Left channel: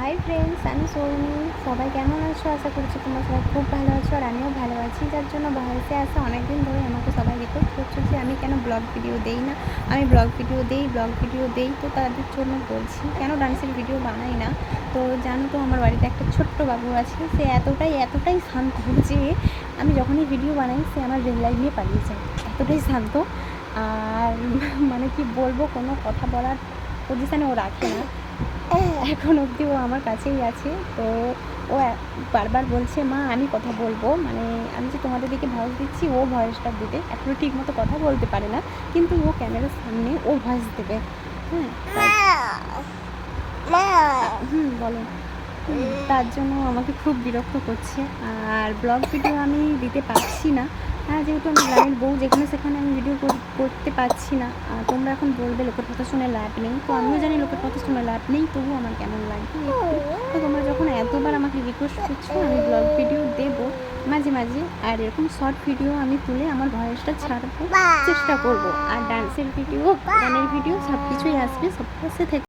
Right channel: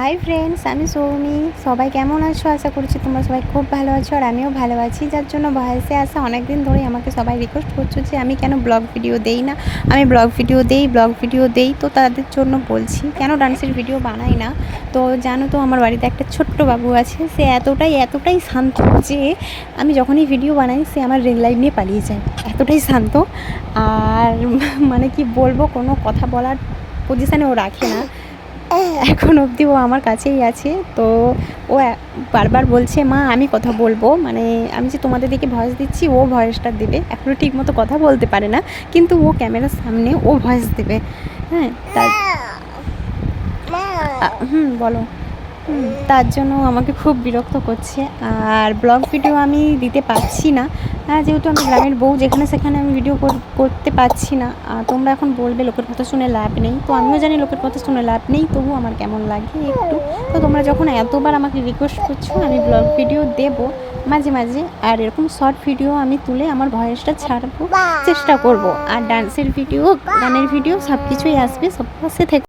Hi friends, আমি সৌমি। সবাই কেমন আছো? আশা করছি তোমরা সবাই খুব ভালো আছো, আর আমিও ভালো আছি। যার জন্য ভয়েসে আসা অনেক দিন ধরেই আমাকে সবাই রিকোয়েস্ট করছো যে আমি কেন ব্লগ ভিডিও দেই না। আমি ব্লগ ভিডিও দেই, তো তাদের জন্য বলছি কেন ডান্সের ভিডিও বানাই না। তো জানো তো, আমার বাড়িতে একটা ছোট্ট বাবু আছে। সে এতটাই শান্ত যে আমি যখনই ভিডিও বানাই সে আমার রিং লাইট নিয়ে পালিয়ে যায়। এতটাই শান্ত। আর মানে কি বলবো, কোনো কথা বলার পজিশানে ও রাখে না। এখন অবধি ও আমার কাছেই আছে। তো ও বারবার বলছে, মা আমি কথা বলবো, মানে আমি যে তোমাদের দিকে ভয়েস দিচ্ছি ও ভয়েসটা দেবে। এখনও ঠিক মতো কথা বলতে পারে না, কিন্তু ও ক্যামেরার সামনে ও ভয়েস দেবে। হ্যাঁ, বলো। তার জন্য আমাকে খুব বিরক্ত করছে। আর ব্লগ ভিডিও আমি দিতে পারছি না, যেহেতু আমি গ্রামের বউ, যেখানে সেখানে আমি ভিডিও করতে পারছি না। তোমরা এখন বলবে লোকের কথা শুনে লাভ নেই, তো আমিও জানি লোকের কথা শুনে লাভ নেই, তবু আমার কেমন লাগে একটু। তো তোমরা যখন এতবার আমাকে রিকোয়েস্ট করছো, আমি ব্লগ ভিডিও দেবো মাঝে মাঝে, আর এরকম শর্ট ভিডিও আমি তুলে আমার ভয়েসটা ছাড়বো, চেষ্টা করব। আর ডান্সের ভিডিও, গানের ভিডিও সব কিছুই আসবে, সব পাশে থেকে।